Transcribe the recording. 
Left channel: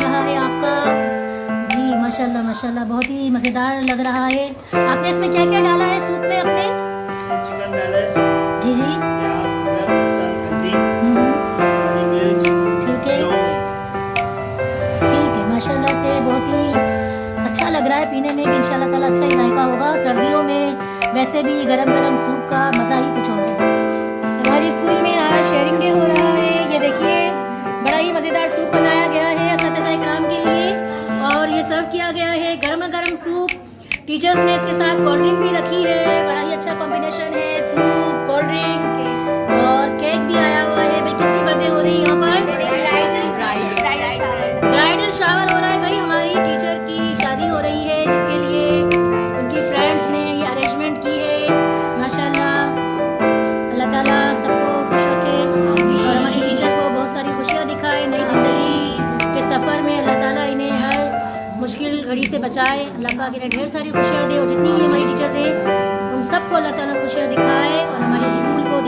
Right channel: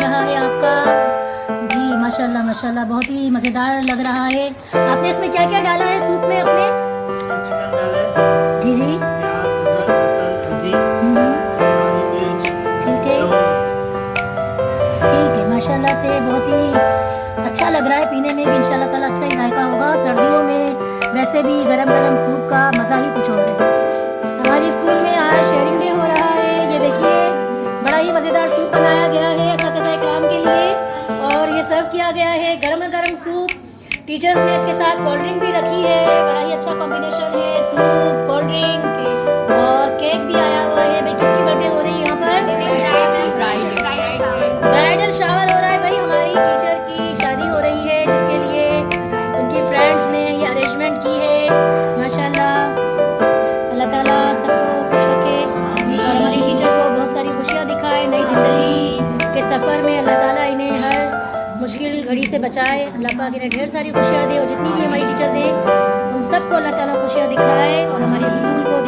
रहा है आपका? जी माशाल्लाह माशाल्लाह, बहुत ही मज़ेदार लग रहा है। आपने इसमें क्या क्या डाला है सूप में अपने? इसमें चिकन डाला है, जी जी। प्याज, अदरक, लहसुन, हल्दी, काली मिर्च, ठीक है ठीक है, माशाल्लाह से बहुत ही अच्छा लग रहा है पीने में भी। इंशाल्लाह ताला अच्छा ही जायका होगा। सर्दियों में वैसे भी गरम गरम सूप का मज़ा ही कुछ और है। हमारे स्कूल में आज शेयरिंग डे हो रहा है। ये देखिए बड़ा ही मज़ेदार सूप बनाया गया है असातिज़ा इकराम के लिए और ये सर्व किया गया है गरम गरम सूप। टीचर्स ने इसके साथ कोल्ड ड्रिंक भी रखी है। बड़ा ही अच्छा कॉम्बिनेशन है, सूप, कोल्ड ड्रिंक और केक भी आया हुआ है। भाई किसकी बर्थडे हो रही है यहाँ पर? ब्राइडल शावर हो रहा है भाई, हमारी टीचर की शादी हो रही है जिसके लिए उनकी फ्रेंड्स ने ये अरेंजमेंट की है। माशाल्लाह, अल्लाह ताला सबको खुश रखे और हमारी टीचर को बहुत सारी खुशियाँ दिखाए नई ज़िंदगी के सफ़र में। अल्लाह ताला इन्हें हर मुश्किल घड़ी से बचाए। अल्लाह पाक इन्हें ढेर सारी खुशियाँ दे और जितनी भी हमारी टीचर्स हैं उन सबको अल्लाह ताला खुशियाँ दिखाए और हमारे स्कूल को